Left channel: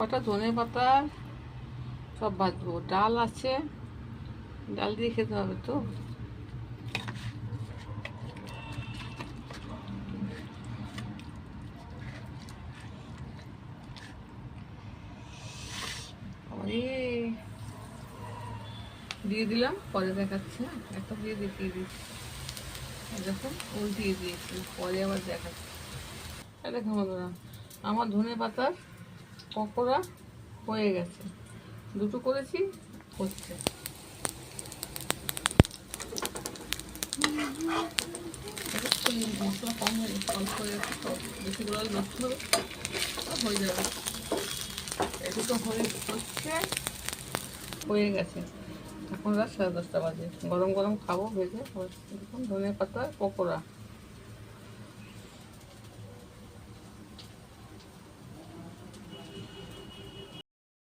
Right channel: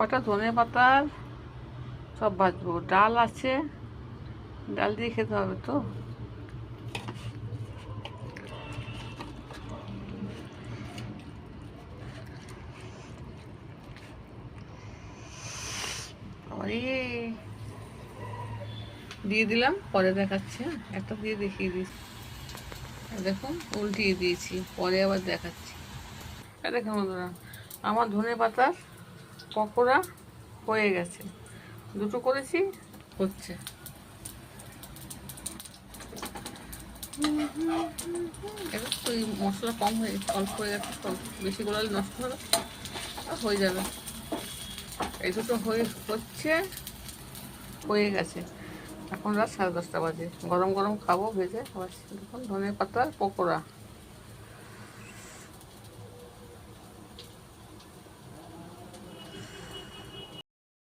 কটা ধনে পাতার সব ভাজবো। ডাল আছে, ডাল দিয়ে খেতে হবে তো। আরে দিয়ে দিলাম, পরে দেখাচ্ছি। একটা দিয়ে দেখিয়ে দিয়েছি, দেখুন উল্টিয়ে দিয়েছি, পরে আবার দেখাচ্ছি। দেখুন বন্ধুরা, আমার ধনে পাতার পকোড়া হয়ে গেছে। দুটো করেছি, হচ্ছে। একটু মশলা কম হয়ে অল্প হয়ে গেছে তো, বেশি গোলালে নষ্ট হবে, হয়ে যাবে। এই দুটো হচ্ছে, হয়ে গেছে। এখন রাত 10:30 বাজে, গরম গরম খাবো ভেজে। দেখুন ধনে পাতার পকোড়া।